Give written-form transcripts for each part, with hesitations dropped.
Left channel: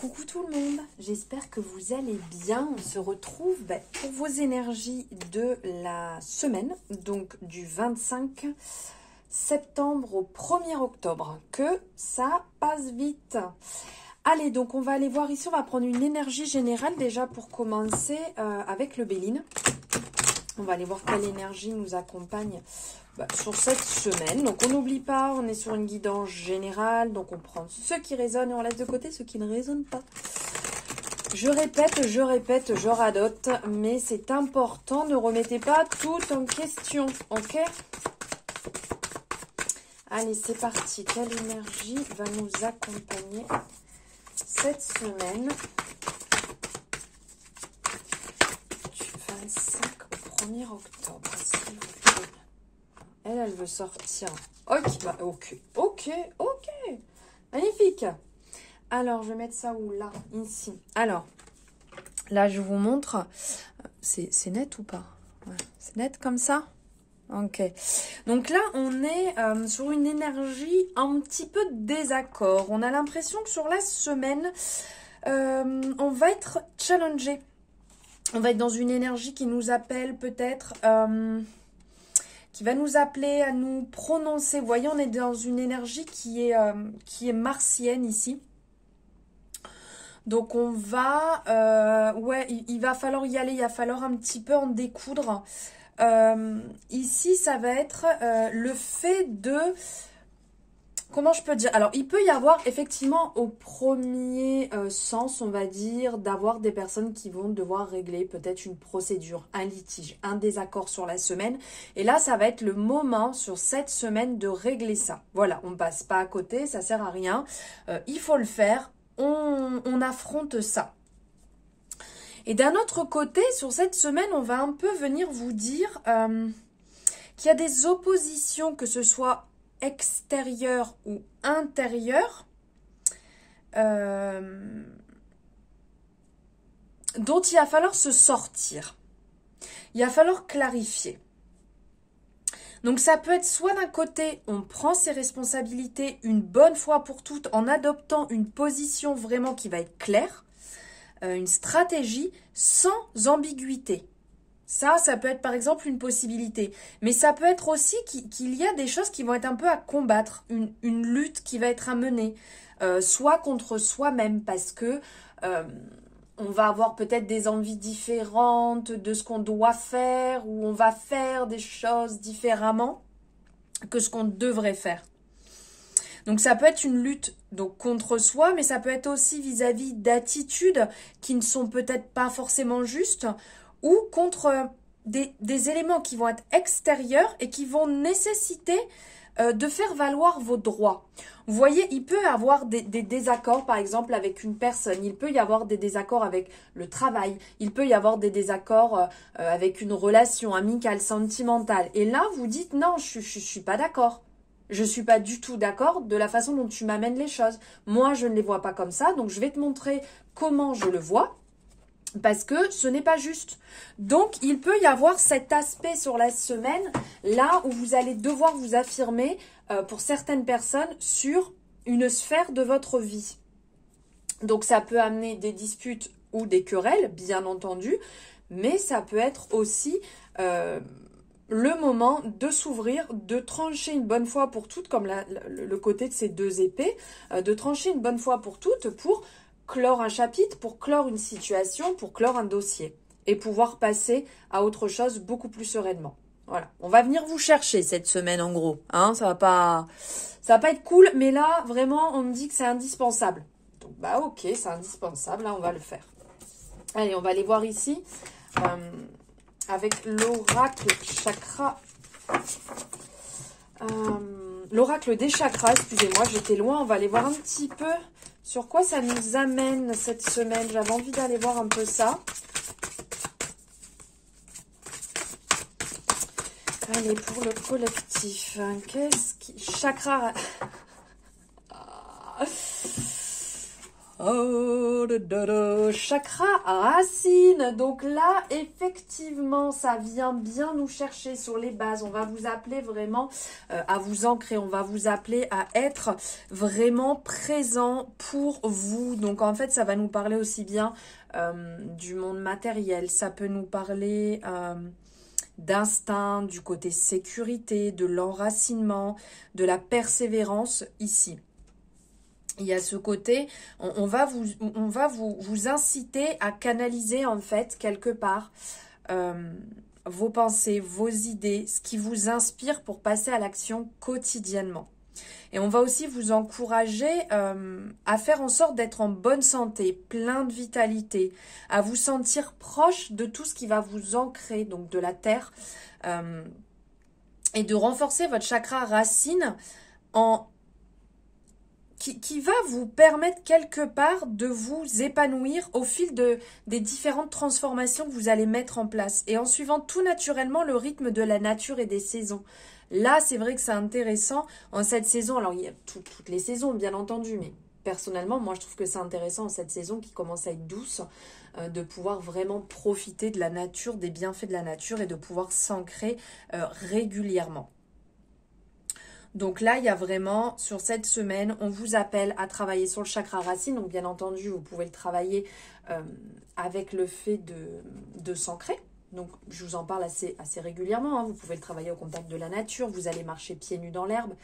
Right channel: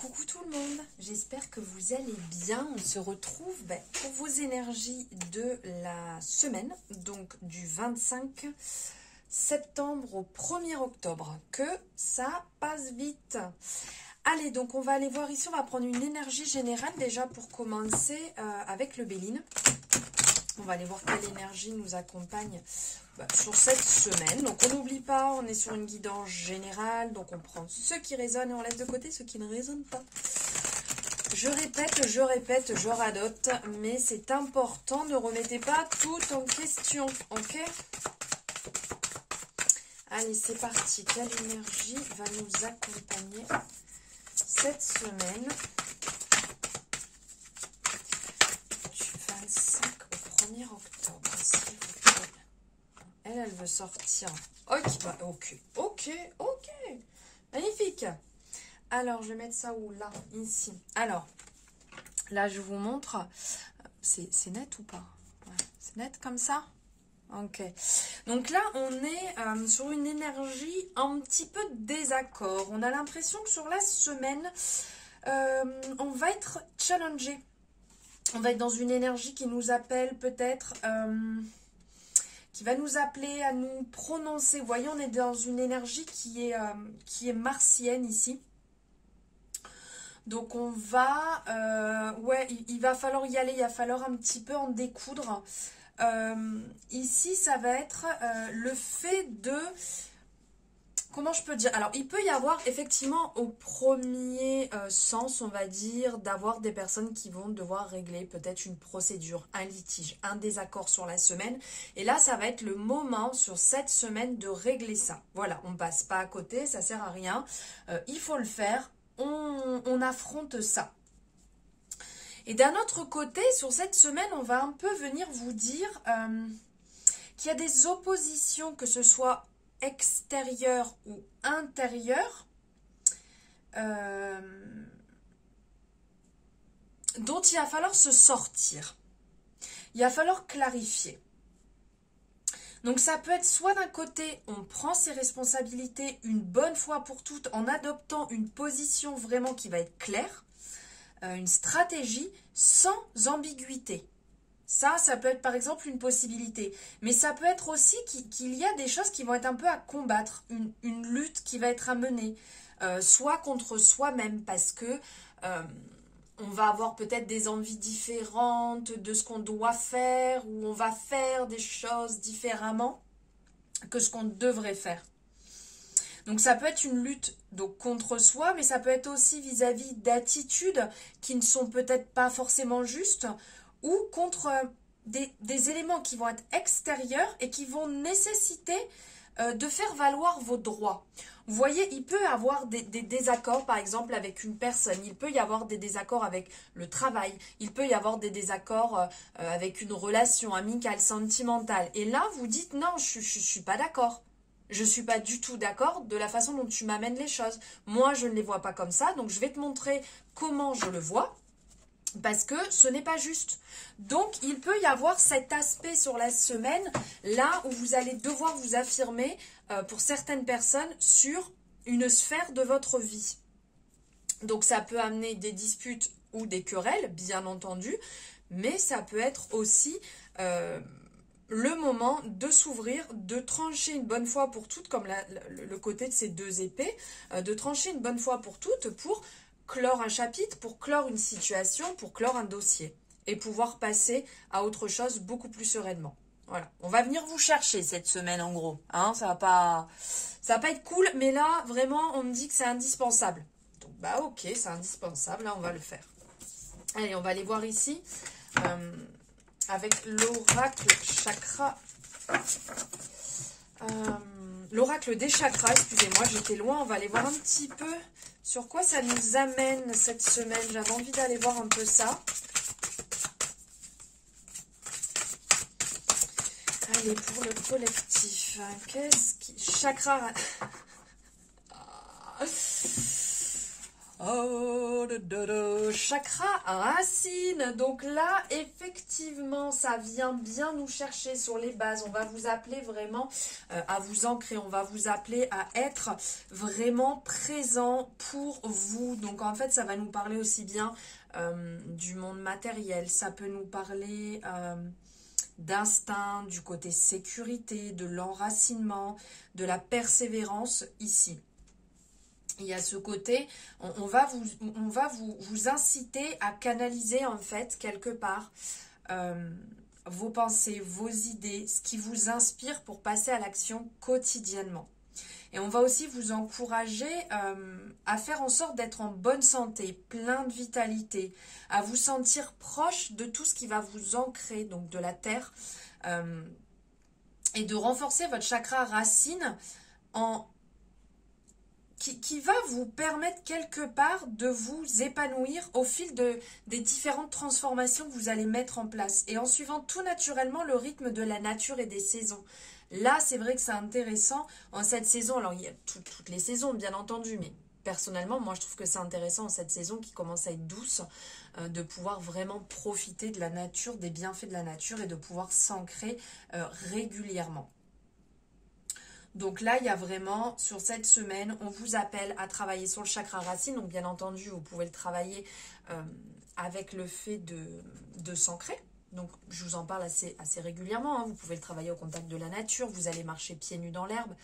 Coucou tout le monde, j'espère que vous allez bien. On se retrouve pour vos énergies de la semaine, donc du 25 septembre au 1er octobre. Que ça passe vite. Allez, donc on va aller voir ici, on va prendre une énergie générale déjà pour commencer avec le Béline. On va aller voir quelle énergie nous accompagne sur cette semaine. Donc on n'oublie pas, on est sur une guidance générale, donc on prend ce qui résonne et on laisse de côté ce qui ne résonne pas. Je répète, je radote, mais c'est important, ne remettez pas tout en question, ok? Allez, c'est parti. Quelle énergie va nous accompagner cette semaine du 25 au 1er octobre, s'il vous plaît. Elle veut sortir. Ok. Magnifique. Alors, je vais mettre ça où? Là, ici. Alors, là, je vous montre. C'est net ou pas? Ouais. C'est net comme ça? Ok. Donc là, on est sur une énergie un petit peu de désaccord. On a l'impression que sur la semaine, on va être challengé. On va être dans une énergie qui nous appelle peut-être... qui va nous appeler à nous prononcer. Vous voyez, on est dans une énergie qui est martienne ici. Donc on va... il va falloir y aller, il va falloir un petit peu en découdre. Ici, ça va être le fait de... Comment je peux dire? Alors, il peut y avoir effectivement au premier sens, on va dire, d'avoir des personnes qui vont devoir régler peut-être une procédure, un litige, un désaccord sur la semaine. Et là, ça va être le moment sur cette semaine de régler ça. Voilà, on ne passe pas à côté, ça ne sert à rien. Il faut le faire, on affronte ça. Et d'un autre côté, sur cette semaine, on va un peu venir vous dire qu'il y a des oppositions, que ce soit extérieur ou intérieur, dont il va falloir se sortir. Il va falloir clarifier. Donc ça peut être soit d'un côté, on prend ses responsabilités une bonne fois pour toutes en adoptant une position vraiment qui va être claire, une stratégie sans ambiguïté. Ça peut être par exemple une possibilité. Mais ça peut être aussi qu'il y a des choses qui vont être un peu à combattre, une lutte qui va être à mener, soit contre soi-même, parce que on va avoir peut-être des envies différentes de ce qu'on doit faire, ou on va faire des choses différemment que ce qu'on devrait faire. Donc ça peut être une lutte donc contre soi, mais ça peut être aussi vis-à-vis d'attitudes qui ne sont peut-être pas forcément justes, ou contre des éléments qui vont être extérieurs et qui vont nécessiter de faire valoir vos droits. Vous voyez, il peut y avoir des désaccords, par exemple, avec une personne. Il peut y avoir des désaccords avec le travail. Il peut y avoir des désaccords avec une relation amicale, sentimentale. Et là, vous dites, non, je ne suis pas d'accord. Je ne suis pas du tout d'accord de la façon dont tu m'amènes les choses. Moi, je ne les vois pas comme ça, donc je vais te montrer comment je le vois. Parce que ce n'est pas juste. Donc, il peut y avoir cet aspect sur la semaine, là où vous allez devoir vous affirmer, pour certaines personnes, sur une sphère de votre vie. Donc, ça peut amener des disputes ou des querelles, bien entendu, mais ça peut être aussi le moment de s'ouvrir, de trancher une bonne fois pour toutes, comme le côté de ces deux épées, de trancher une bonne fois pour toutes pour clore un chapitre, pour clore une situation, pour clore un dossier et pouvoir passer à autre chose beaucoup plus sereinement. Voilà, on va venir vous chercher cette semaine en gros, hein, ça va pas être cool, mais là vraiment on me dit que c'est indispensable. Donc ok, c'est indispensable, là on va le faire. Allez, on va aller voir ici avec l'oracle chakra. L'oracle des chakras, excusez-moi, j'étais loin, on va aller voir un petit peu sur quoi ça nous amène cette semaine. J'avais envie d'aller voir un peu ça. Allez, pour le collectif, qu'est-ce qui... Chakra... Chakra racine. Donc là, effectivement, ça vient bien nous chercher sur les bases. On va vous appeler vraiment à vous ancrer. On va vous appeler à être vraiment présent pour vous. Donc en fait, ça va nous parler aussi bien du monde matériel. Ça peut nous parler d'instinct, du côté sécurité, de l'enracinement, de la persévérance ici. Il y a ce côté, on va vous inciter à canaliser en fait quelque part vos pensées, vos idées, ce qui vous inspire pour passer à l'action quotidiennement. Et on va aussi vous encourager à faire en sorte d'être en bonne santé, plein de vitalité, à vous sentir proche de tout ce qui va vous ancrer, donc de la terre, et de renforcer votre chakra racine qui va vous permettre quelque part de vous épanouir au fil des différentes transformations que vous allez mettre en place et en suivant tout naturellement le rythme de la nature et des saisons. Là, c'est vrai que c'est intéressant en cette saison. Alors, il y a toutes les saisons, bien entendu, mais personnellement, moi, je trouve que c'est intéressant en cette saison qui commence à être douce, de pouvoir vraiment profiter de la nature, des bienfaits de la nature et de pouvoir s'ancrer régulièrement. Donc là, il y a vraiment, sur cette semaine, on vous appelle à travailler sur le chakra racine. Donc bien entendu, vous pouvez le travailler avec le fait de s'ancrer. Donc je vous en parle assez régulièrement. Vous pouvez le travailler au contact de la nature. Vous allez marcher pieds nus dans l'herbe.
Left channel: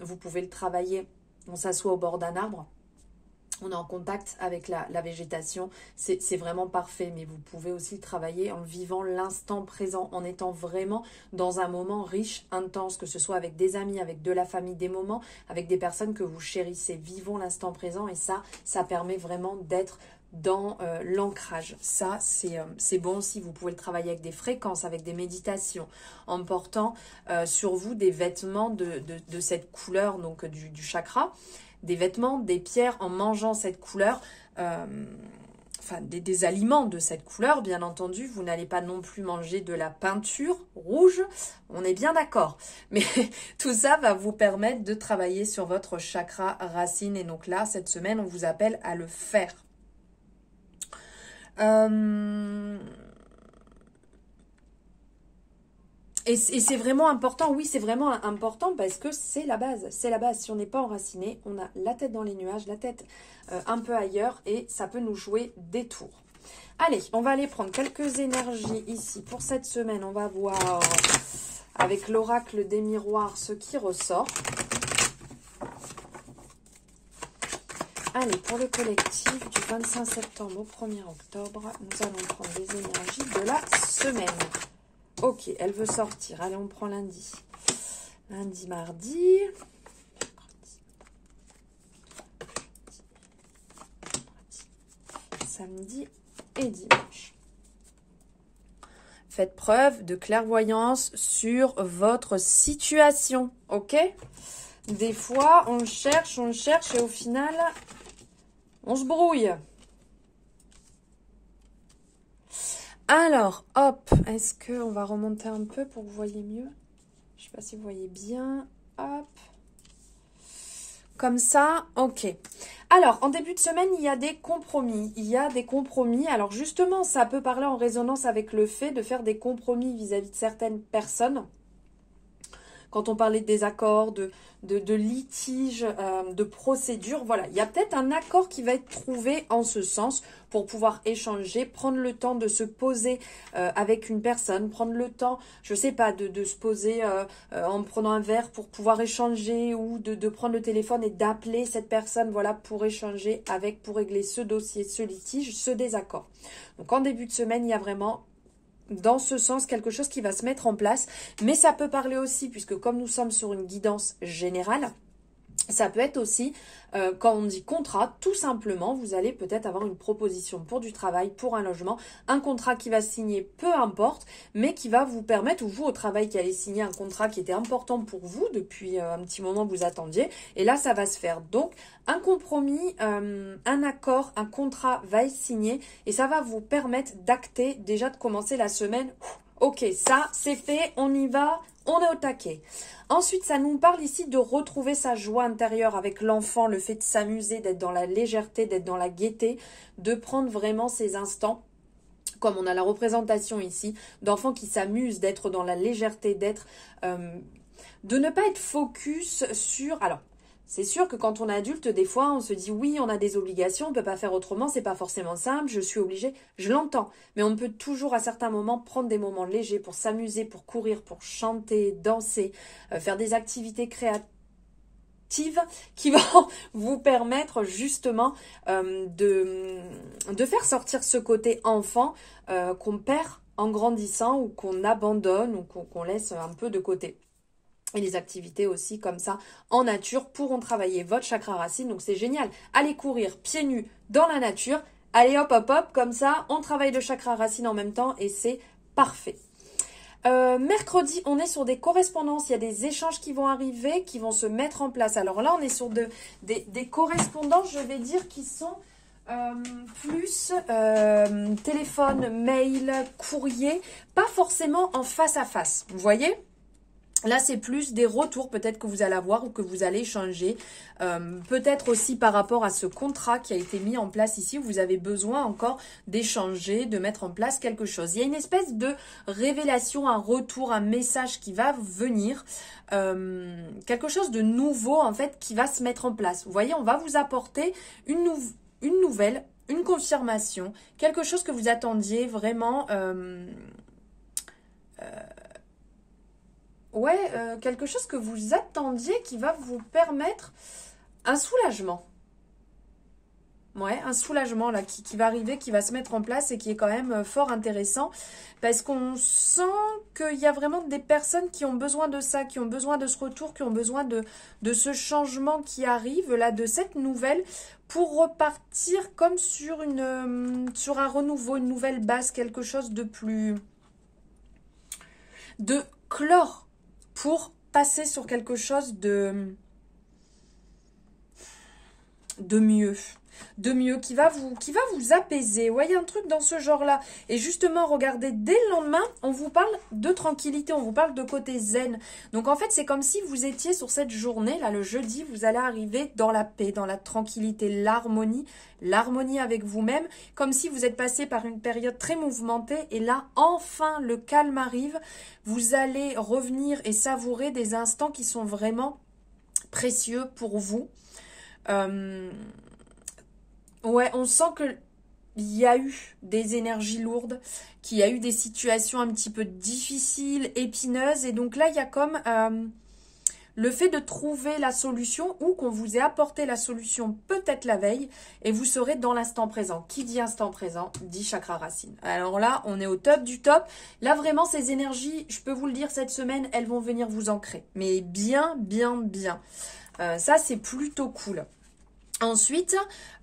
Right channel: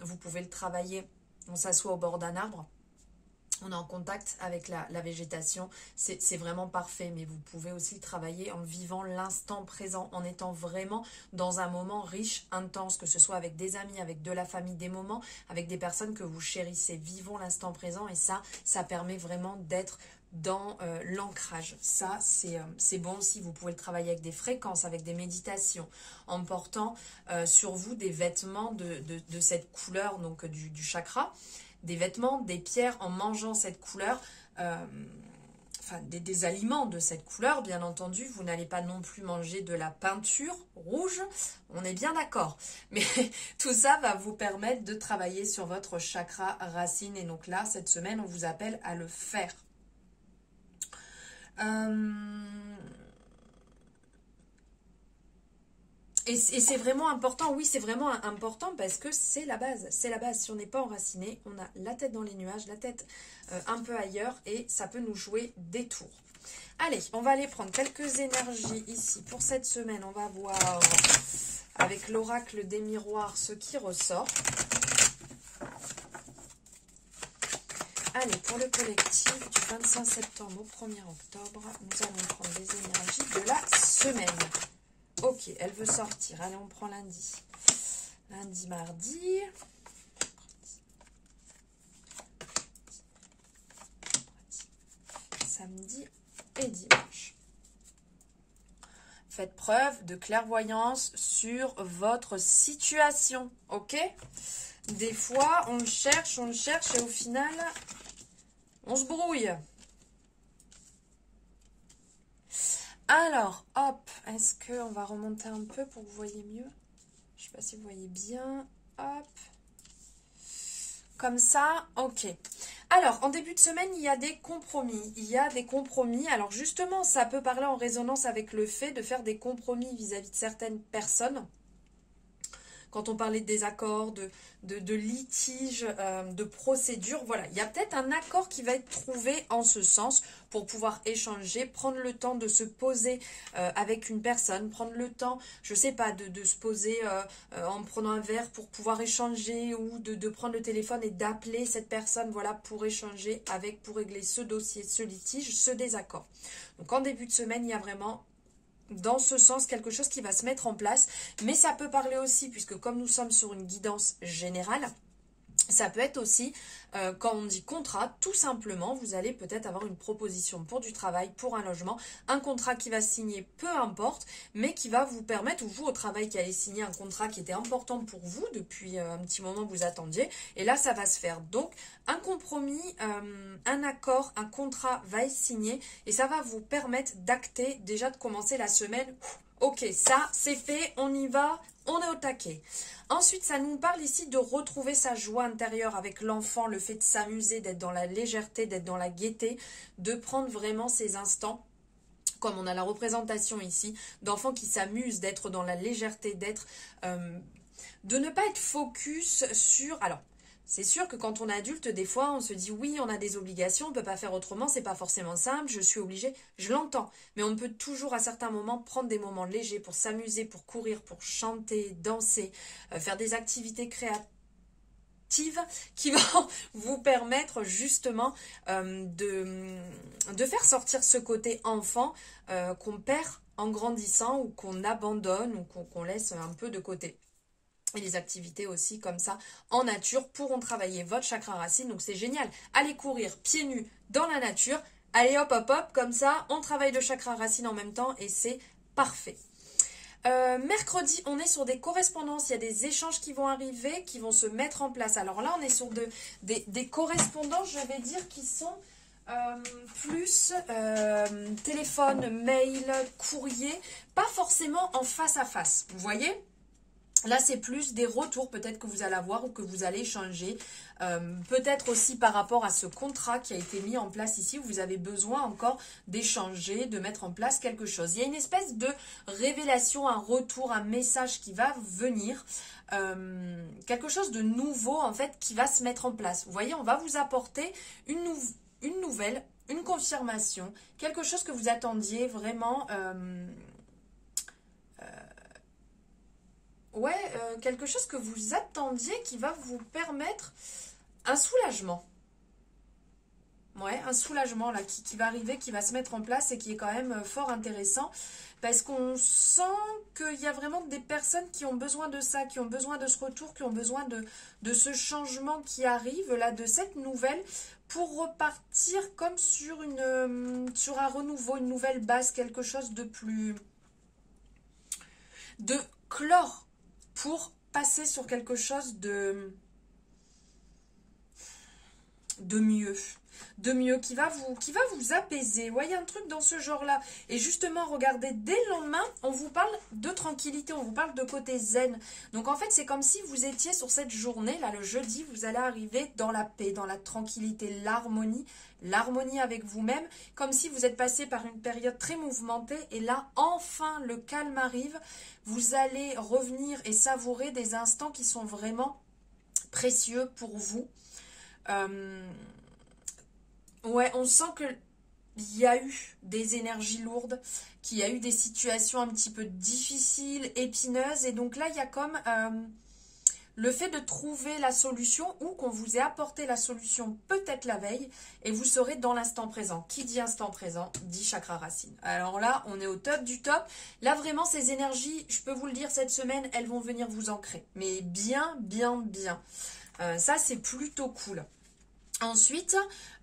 Vous pouvez le travailler, on s'assoit au bord d'un arbre. On est en contact avec la végétation, c'est vraiment parfait, mais vous pouvez aussi le travailler en vivant l'instant présent, en étant vraiment dans un moment riche, intense, que ce soit avec des amis, avec de la famille, des moments, avec des personnes que vous chérissez. Vivons l'instant présent et ça permet vraiment d'être dans l'ancrage. Ça, c'est bon aussi. Vous pouvez le travailler avec des fréquences, avec des méditations, en portant sur vous des vêtements de cette couleur donc du chakra, des vêtements, des pierres, en mangeant cette couleur, enfin des aliments de cette couleur, bien entendu. Vous n'allez pas non plus manger de la peinture rouge, on est bien d'accord. Mais tout ça va vous permettre de travailler sur votre chakra racine. Et donc là, cette semaine, on vous appelle à le faire. Et c'est vraiment important, oui, c'est vraiment important parce que c'est la base. C'est la base. Si on n'est pas enraciné, on a la tête dans les nuages, la tête un peu ailleurs et ça peut nous jouer des tours. Allez, on va aller prendre quelques énergies ici pour cette semaine. On va voir avec l'oracle des miroirs ce qui ressort. Allez, pour le collectif du 25 septembre au 1er octobre, nous allons prendre les énergies de la semaine. Ok, elle veut sortir. Allez, on prend lundi. Lundi, mardi. Samedi et dimanche. Faites preuve de clairvoyance sur votre situation, ok? Des fois, on cherche et au final, on se brouille. Alors, hop, est-ce qu'on va remonter un peu pour que vous voyez mieux? Je ne sais pas si vous voyez bien. Hop. Comme ça, ok. Alors, en début de semaine, il y a des compromis. Il y a des compromis. Alors, justement, ça peut parler en résonance avec le fait de faire des compromis vis-à-vis de certaines personnes. Quand on parlait de désaccords, de litiges, de procédures, voilà. Il y a peut-être un accord qui va être trouvé en ce sens pour pouvoir échanger, prendre le temps de se poser avec une personne, prendre le temps, je ne sais pas, de se poser en prenant un verre pour pouvoir échanger ou de prendre le téléphone et d'appeler cette personne, voilà, pour échanger avec, pour régler ce dossier, ce litige, ce désaccord. Donc, en début de semaine, il y a vraiment dans ce sens quelque chose qui va se mettre en place, mais ça peut parler aussi, puisque comme nous sommes sur une guidance générale, ça peut être aussi, quand on dit contrat, tout simplement, vous allez peut-être avoir une proposition pour du travail, pour un logement, un contrat qui va signer, peu importe, mais qui va vous permettre, ou vous au travail qui allez signer un contrat qui était important pour vous depuis un petit moment vous attendiez, et là ça va se faire. Donc un compromis, un accord, un contrat va être signé, et ça va vous permettre d'acter, déjà de commencer la semaine. Ok, ça c'est fait, on y va, on est au taquet. Ensuite, ça nous parle ici de retrouver sa joie intérieure avec l'enfant, le fait de s'amuser, d'être dans la légèreté, d'être dans la gaieté, de prendre vraiment ces instants, comme on a la représentation ici, d'enfants qui s'amusent, d'être dans la légèreté, de ne pas être focus sur... Alors, c'est sûr que quand on est adulte, des fois, on se dit oui, on a des obligations, on ne peut pas faire autrement, c'est pas forcément simple, je suis obligée, je l'entends. Mais on peut toujours à certains moments prendre des moments légers pour s'amuser, pour courir, pour chanter, danser, faire des activités créatives qui vont vous permettre justement de faire sortir ce côté enfant qu'on perd en grandissant ou qu'on abandonne ou qu'on laisse un peu de côté. Et les activités aussi comme ça en nature pourront travailler votre chakra racine. Donc c'est génial. Allez courir pieds nus dans la nature. Allez hop hop hop, comme ça on travaille le chakra racine en même temps et c'est parfait. Mercredi, on est sur des correspondances. Il y a des échanges qui vont arriver, qui vont se mettre en place. Alors là, on est sur des correspondances, je vais dire, qui sont plus téléphone, mail, courrier, pas forcément en face à face. Vous voyez ? Là, c'est plus des retours peut-être que vous allez avoir ou que vous allez échanger. Peut-être aussi par rapport à ce contrat qui a été mis en place ici, où vous avez besoin encore d'échanger, de mettre en place quelque chose. Il y a une espèce de révélation, un retour, un message qui va venir. Quelque chose de nouveau en fait qui va se mettre en place. Vous voyez, on va vous apporter une nouvelle, une confirmation, quelque chose que vous attendiez vraiment... quelque chose que vous attendiez qui va vous permettre un soulagement. Ouais, un soulagement là qui va arriver, qui va se mettre en place et qui est quand même fort intéressant parce qu'on sent qu'il y a vraiment des personnes qui ont besoin de ça, qui ont besoin de ce retour, qui ont besoin de ce changement qui arrive là, de cette nouvelle pour repartir comme sur un renouveau, une nouvelle base, quelque chose de plus... de clore pour passer sur quelque chose de mieux. De mieux, qui va vous apaiser. Vous voyez un truc dans ce genre-là. Et justement, regardez, dès le lendemain, on vous parle de tranquillité, on vous parle de côté zen. Donc en fait, c'est comme si vous étiez sur cette journée, là, le jeudi, vous allez arriver dans la paix, dans la tranquillité, l'harmonie avec vous-même, comme si vous êtes passé par une période très mouvementée. Et là, enfin, le calme arrive. Vous allez revenir et savourer des instants qui sont vraiment précieux pour vous. Ouais, on sent qu'il y a eu des énergies lourdes, qu'il y a eu des situations un petit peu difficiles, épineuses. Et donc là, il y a comme le fait de trouver la solution ou qu'on vous ait apporté la solution peut-être la veille et vous serez dans l'instant présent. Qui dit instant présent dit chakra racine. Alors là, on est au top du top. Là, vraiment, ces énergies, je peux vous le dire, cette semaine, elles vont venir vous ancrer. Mais bien, bien, bien. Ça, c'est plutôt cool. Ensuite,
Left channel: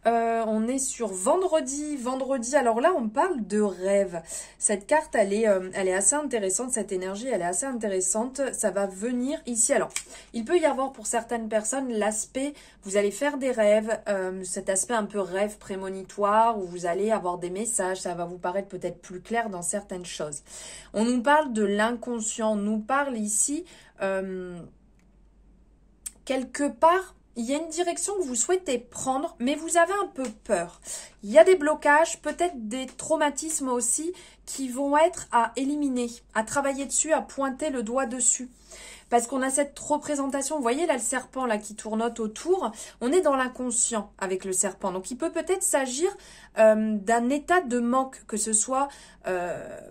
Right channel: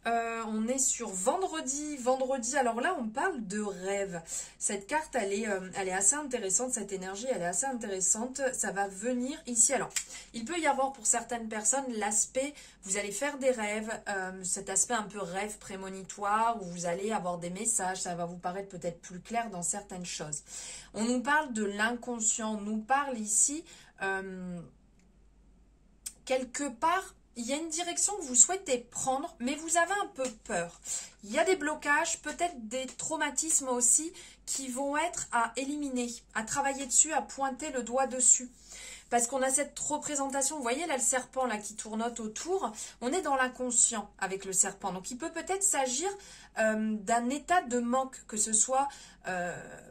on est sur vendredi. Vendredi, alors là, on parle de rêve. Cette carte, elle est assez intéressante. Cette énergie, elle est assez intéressante. Ça va venir ici. Alors, il peut y avoir pour certaines personnes l'aspect, vous allez faire des rêves, cet aspect un peu rêve prémonitoire où vous allez avoir des messages. Ça va vous paraître peut-être plus clair dans certaines choses. On nous parle de l'inconscient. On nous parle ici, quelque part, il y a une direction que vous souhaitez prendre, mais vous avez un peu peur. Il y a des blocages, peut-être des traumatismes aussi, qui vont être à éliminer, à travailler dessus, à pointer le doigt dessus. Parce qu'on a cette représentation, vous voyez là le serpent là qui tournote autour, on est dans l'inconscient avec le serpent. Donc il peut peut-être s'agir d'un état de manque, que ce soit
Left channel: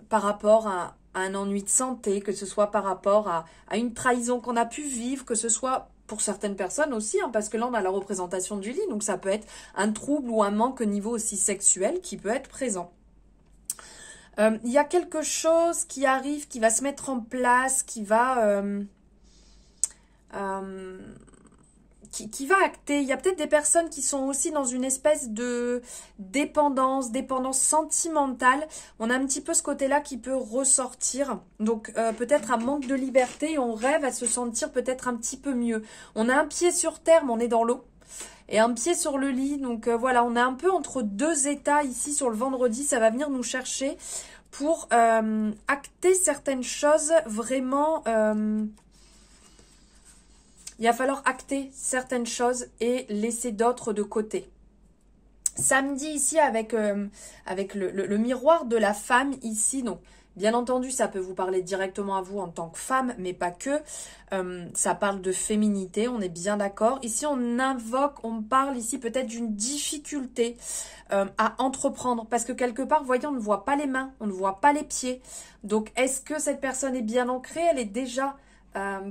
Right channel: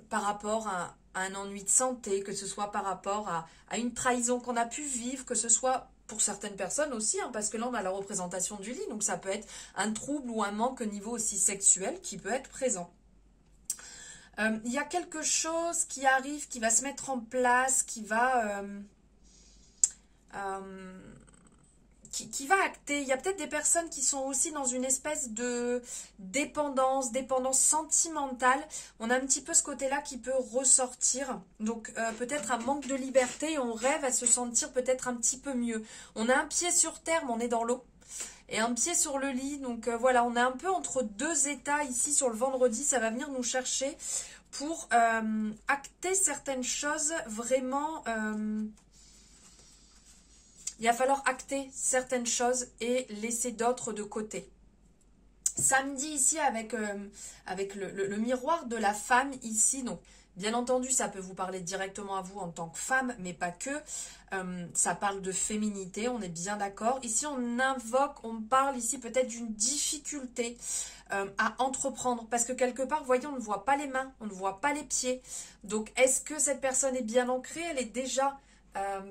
par rapport à un ennui de santé, que ce soit par rapport à une trahison qu'on a pu vivre, que ce soit... pour certaines personnes aussi, hein, parce que là on a la représentation du lit, donc ça peut être un trouble ou un manque au niveau aussi sexuel qui peut être présent. Il y a quelque chose qui arrive, qui va se mettre en place, qui va acter. Il y a peut-être des personnes qui sont aussi dans une espèce de dépendance sentimentale. On a un petit peu ce côté-là qui peut ressortir. Donc peut-être un manque de liberté et on rêve à se sentir peut-être un petit peu mieux. On a un pied sur terre, mais on est dans l'eau. Et un pied sur le lit. Donc voilà, on est un peu entre deux états ici sur le vendredi. Ça va venir nous chercher pour acter certaines choses vraiment. Il va falloir acter certaines choses et laisser d'autres de côté. Samedi ici avec le miroir de la femme ici, donc bien entendu ça peut vous parler directement à vous en tant que femme, mais pas que, ça parle de féminité, on est bien d'accord. Ici on parle ici peut-être d'une difficulté à entreprendre, parce que quelque part, vous voyez, on ne voit pas les mains, on ne voit pas les pieds, donc est-ce que cette personne est bien ancrée, elle est déjà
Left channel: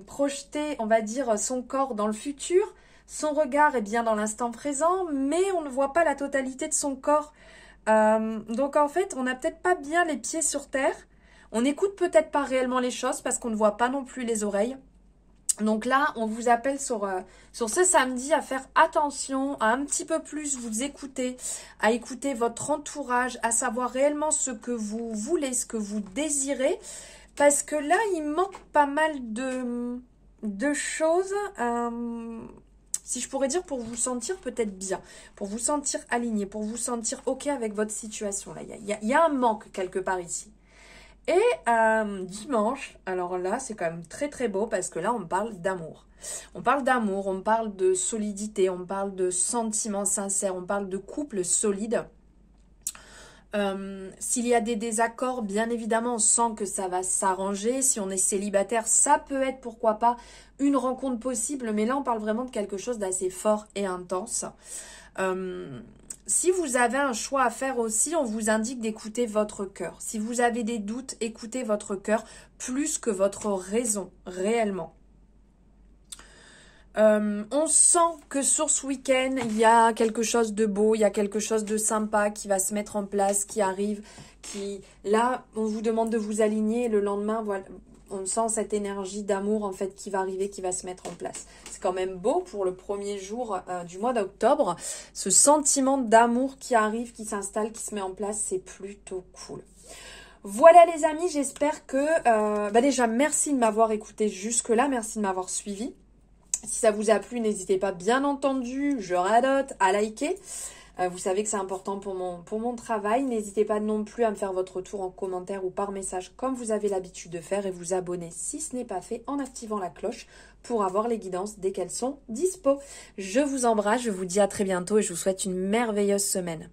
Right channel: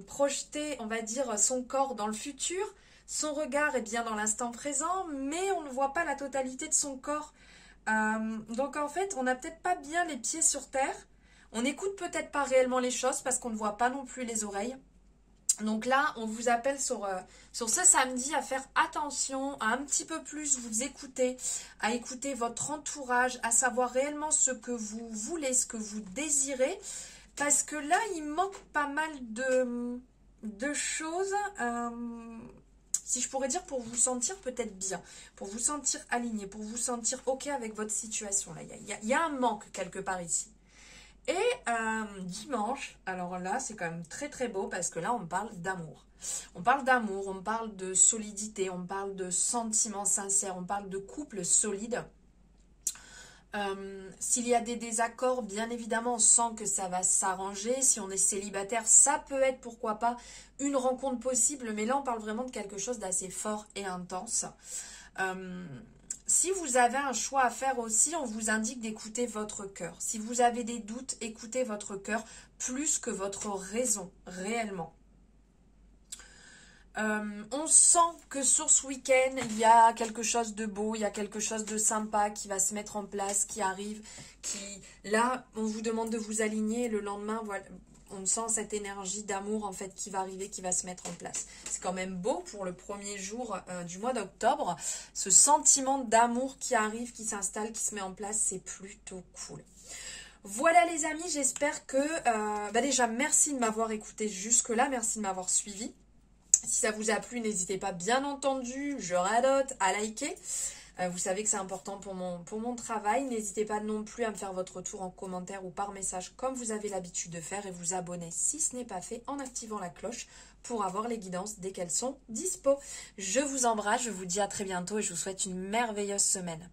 projetée, on va dire, son corps dans le futur? Son regard est bien dans l'instant présent, mais on ne voit pas la totalité de son corps. Donc en fait, on n'a peut-être pas bien les pieds sur terre. On n'écoute peut-être pas réellement les choses parce qu'on ne voit pas non plus les oreilles. Donc là, on vous appelle sur ce samedi à faire attention, à un petit peu plus vous écouter, à écouter votre entourage, à savoir réellement ce que vous voulez, ce que vous désirez. Parce que là, il manque pas mal de choses... si je pourrais dire, pour vous sentir peut-être bien, pour vous sentir aligné, pour vous sentir OK avec votre situation. Là, il y a un manque quelque part ici. Et dimanche, alors là, c'est quand même très très beau parce que là, on parle d'amour. On parle d'amour, on parle de solidité, on parle de sentiments sincères, on parle de couple solide. S'il y a des désaccords, bien évidemment, on sent que ça va s'arranger. Si on est célibataire, ça peut être, pourquoi pas, une rencontre possible. Mais là, on parle vraiment de quelque chose d'assez fort et intense. Si vous avez un choix à faire aussi, on vous indique d'écouter votre cœur. Si vous avez des doutes, écoutez votre cœur plus que votre raison, réellement. On sent que sur ce week-end, il y a quelque chose de beau, il y a quelque chose de sympa qui va se mettre en place, qui arrive, là, on vous demande de vous aligner, et le lendemain, voilà, on sent cette énergie d'amour, en fait, qui va arriver, qui va se mettre en place. C'est quand même beau pour le premier jour du mois d'octobre, ce sentiment d'amour qui arrive, qui s'installe, qui se met en place, c'est plutôt cool. Voilà les amis, j'espère que, déjà, merci de m'avoir écouté jusque-là, merci de m'avoir suivi. Si ça vous a plu, n'hésitez pas, bien entendu, je radote, à liker. Vous savez que c'est important pour mon travail. N'hésitez pas non plus à me faire votre retour en commentaire ou par message comme vous avez l'habitude de faire et vous abonner si ce n'est pas fait en activant la cloche pour avoir les guidances dès qu'elles sont dispo. Je vous embrasse, je vous dis à très bientôt et je vous souhaite une merveilleuse semaine.